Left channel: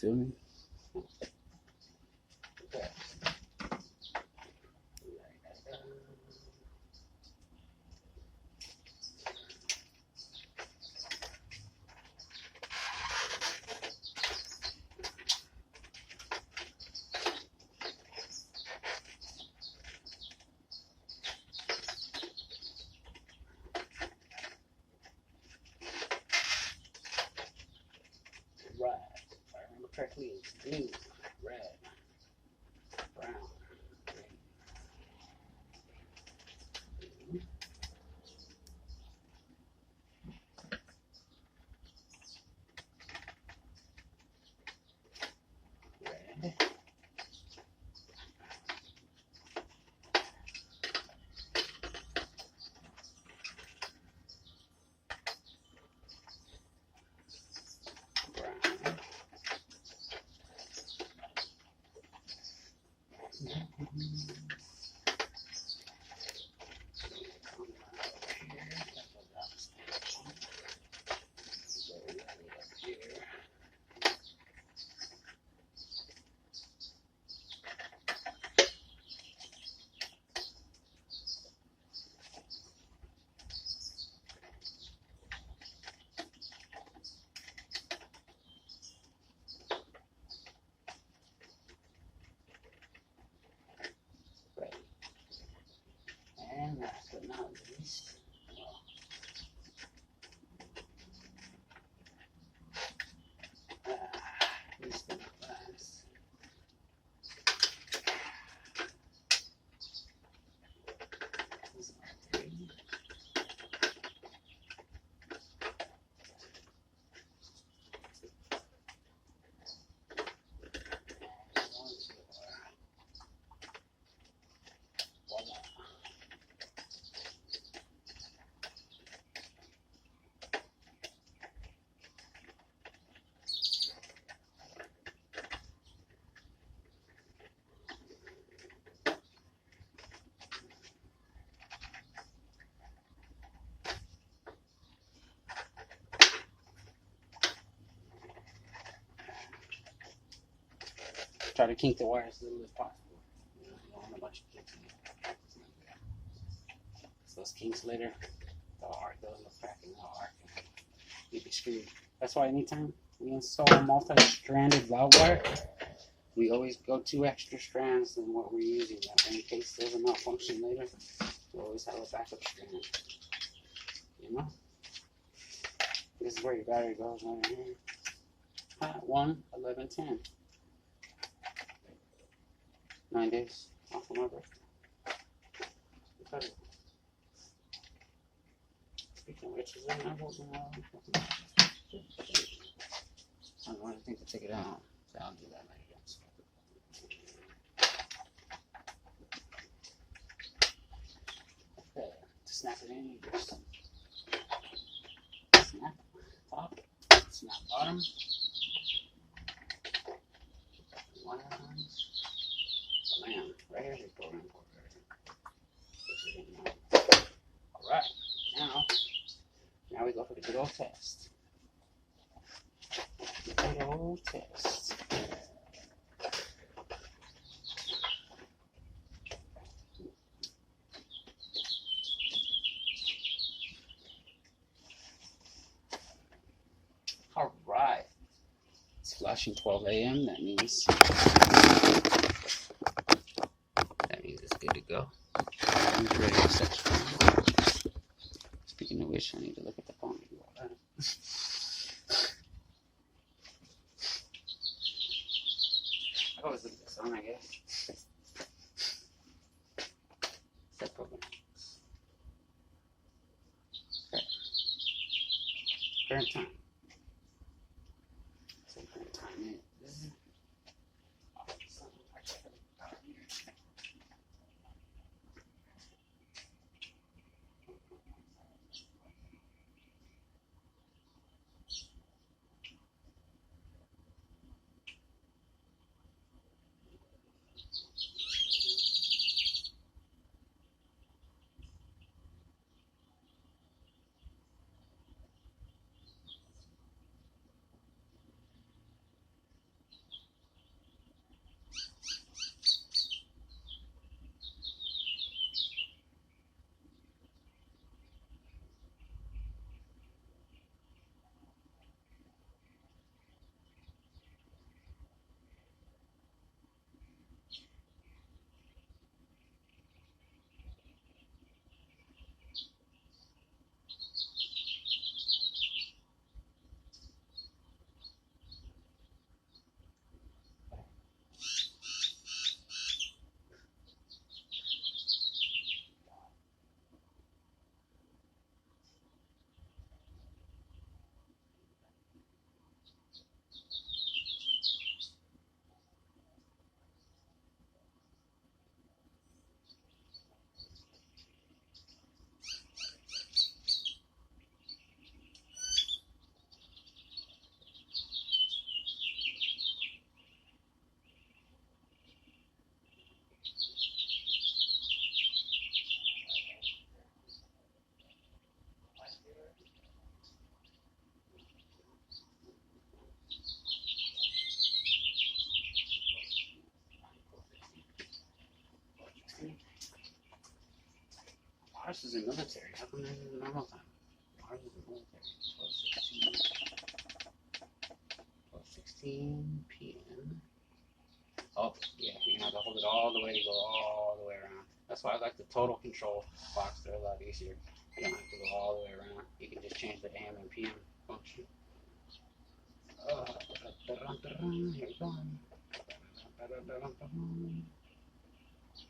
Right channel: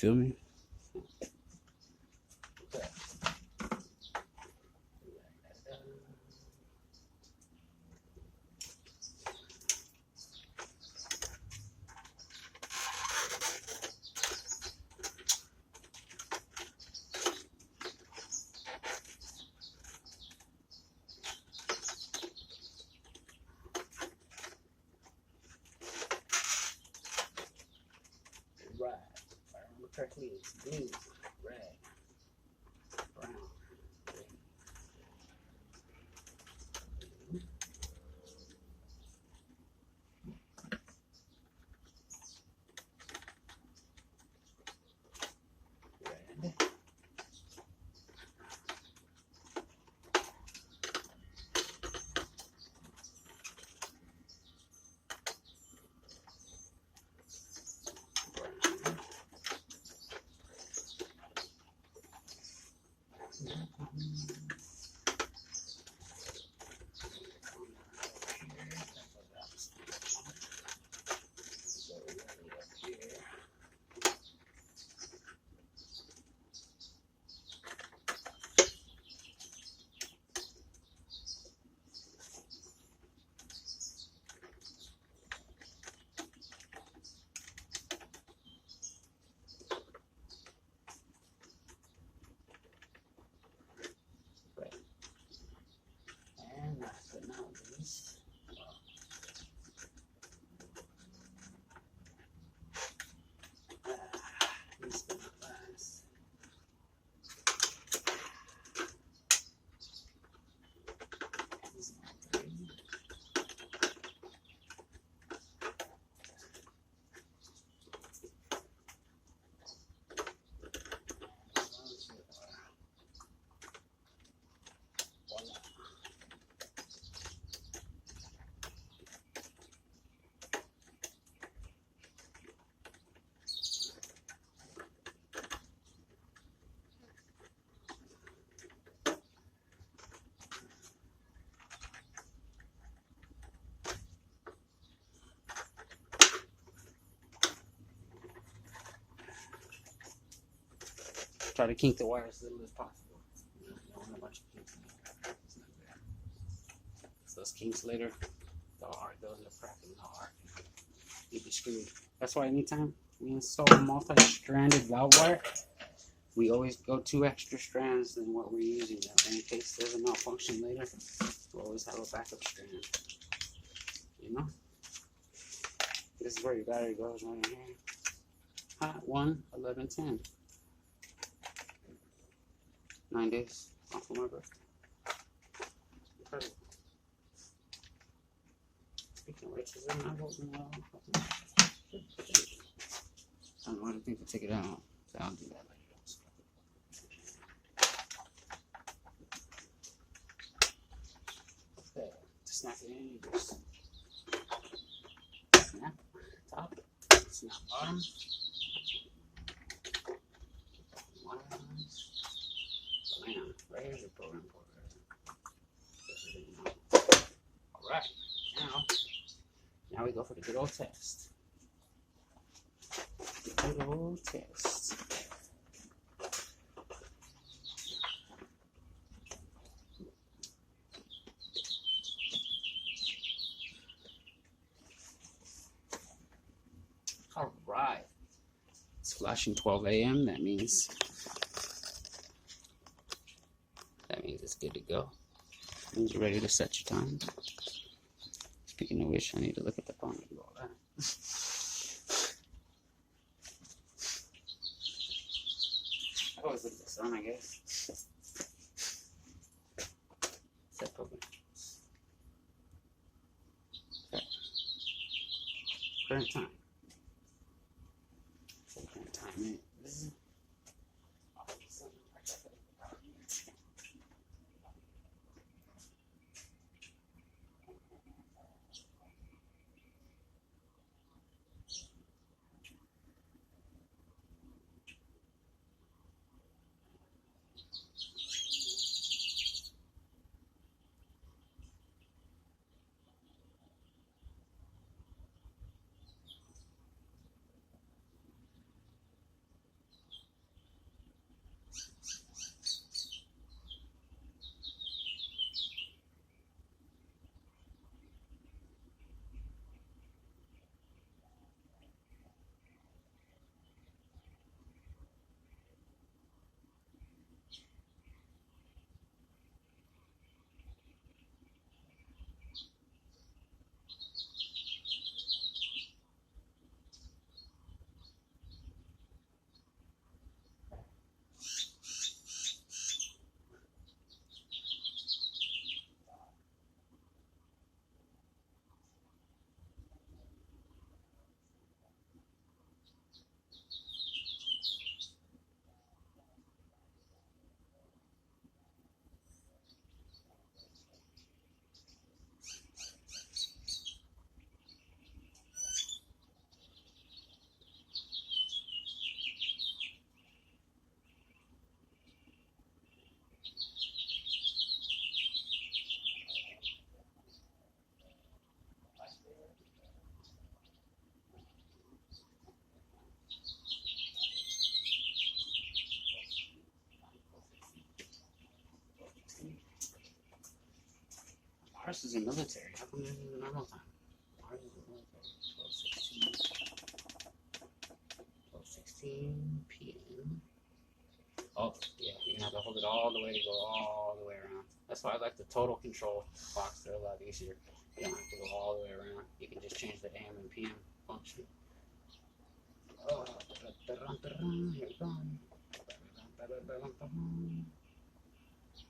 feel me? Right. If I remember correctly, it's blue, red, brown, green. Red. And last but not least, least but not last, these are three. Try to kink the wire as little as possible. You don't want a bunch of kinks in it. It's not good. So those kinks later, they'll end up cracking, they'll arc, and you'd be screwed. That's why anytime we install a multi-stranded valve wire, we always go 2 extra strands than what we're using. That way, in case there's a malfunction later, we'll always have a backup strand. You know? This is where your battery goes right in here. Hot 1, 11, 10. 9 days off of my birthday. Incredible. Speaking of which, is there not holding out? I don't know anything to take it out, so I'll do that later. Okay, to snap it in, you just snap top, snap bottom. Man, right here's your program port right here. Alright, now we go for the good old test. The good old test. Alright. It's flashing 12 a.m. That means it's good to go. I'm ready to set your phone. Speaking of which, I need to look at the phone and do all that. I always look at the sun, I guess. Set program. Okay. Current time. So current time is. is in military. How come this is normal time? Ours is in military. 12:16 p.m. Oh, yeah, you're gonna have to hold it all the way to go all the way around. That's why I like the total control box. They're a lot easier. You don't have to go all the way around. You can just change the AM and PM function. Here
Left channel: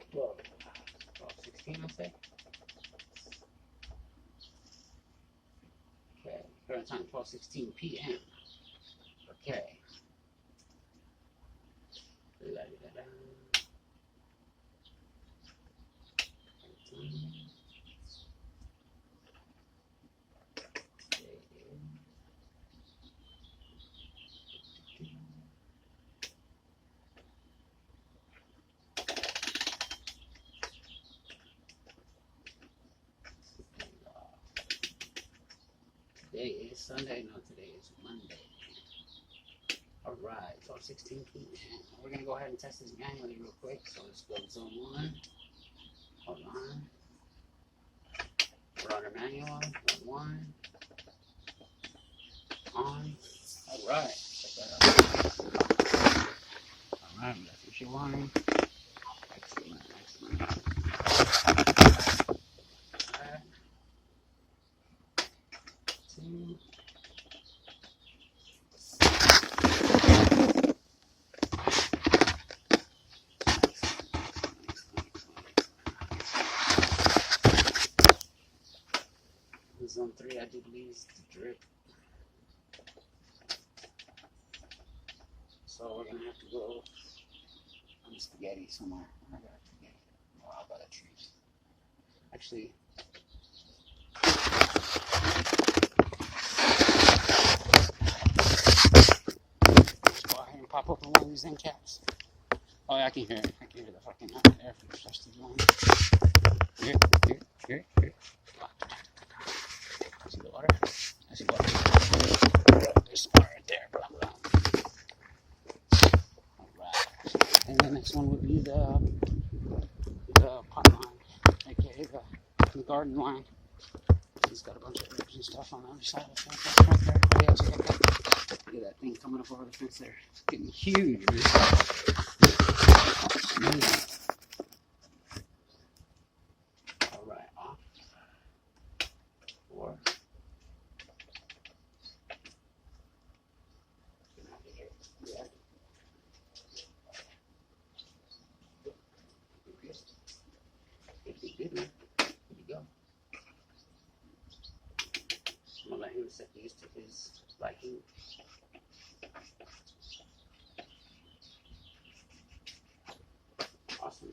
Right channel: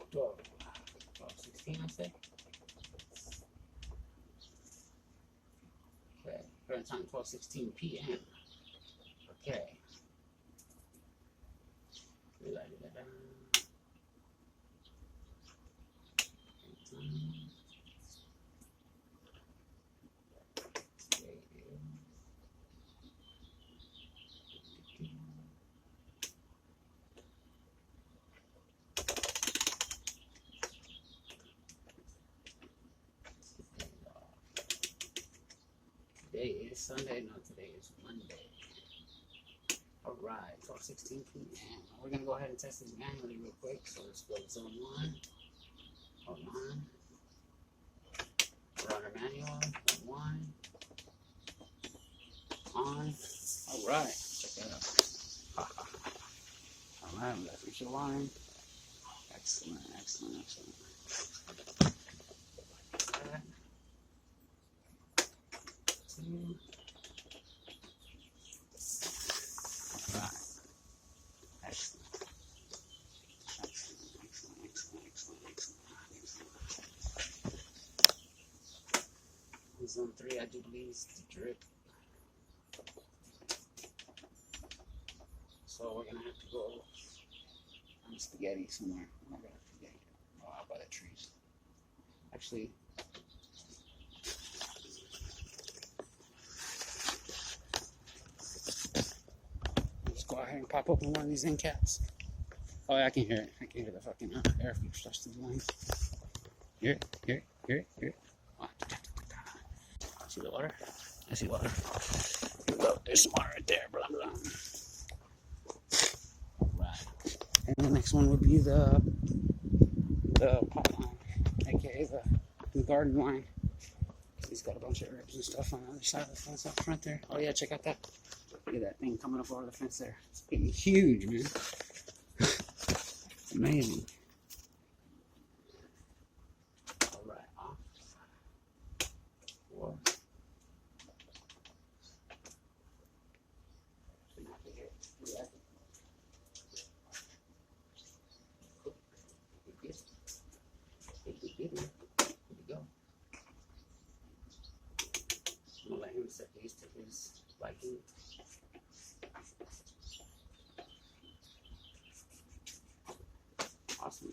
we go. 12:16, I say. Okay, current time 12:16 p.m. Okay. La-di-da-da. Today is Sunday. No, today is Monday. All right, 12:16 p.m. We're gonna go ahead and test this manually real quick. So let's go to zone 1. Hold on. We're under manual. Zone 1. On. All right, check that out. All right, we got future wiring. Excellent, excellent. All right. 2. Zone 3, I do believe, is the drip. So we're gonna have to go on spaghetti somewhere. I got spaghetti. Oh, I'll buy a tree. Actually, let's go ahead and pop open one of these end caps. Oh yeah, I can hear it. I can hear the fucking air filter starts to join. Here. See the water? I see water. Oh, there's some water right there. Blah, blah. Right. And the next one would be the pot line, aka the garden line. He's got a bunch of herbs and stuff on the other side of the fence right there. Oh yeah, check out that. Look at that thing coming up over the fence there. It's getting huge, man. Amazing. All right, off. 4. Good. Here we go. I'm gonna let him set these to his liking. Awesome.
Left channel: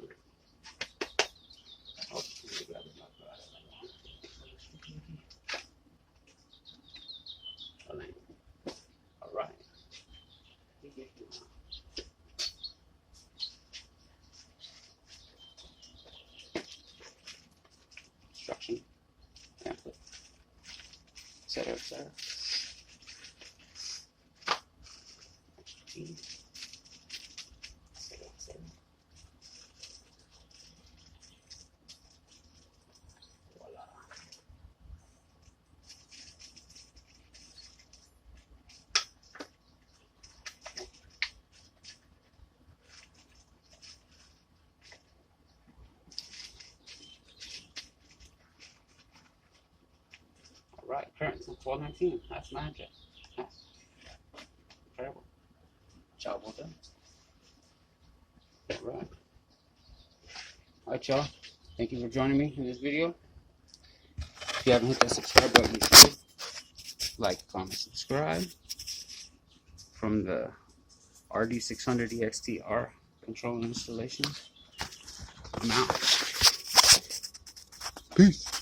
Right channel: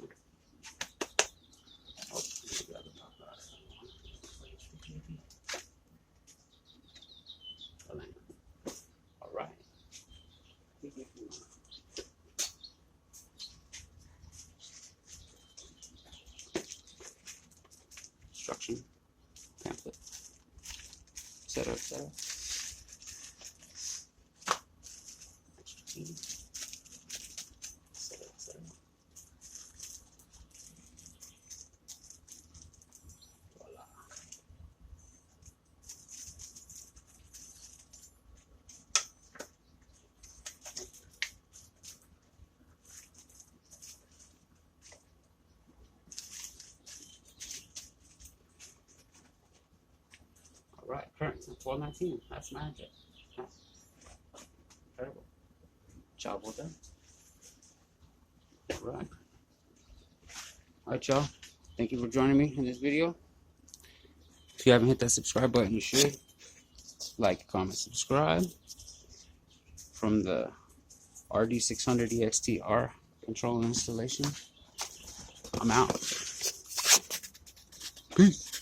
Oh, let me grab the top out of that one. All right. Instruction pamphlet, etc., etc. Extra key, etc., etc. Voila. Right, current 12:19. That's magic. That's incredible. Job well done. Right. Alright, y'all. Thank you for joining me in this video. If you haven't hit that subscribe button, you should. Like, comment, subscribe. From the RD600 ext-R controller installation. I'm out. Peace.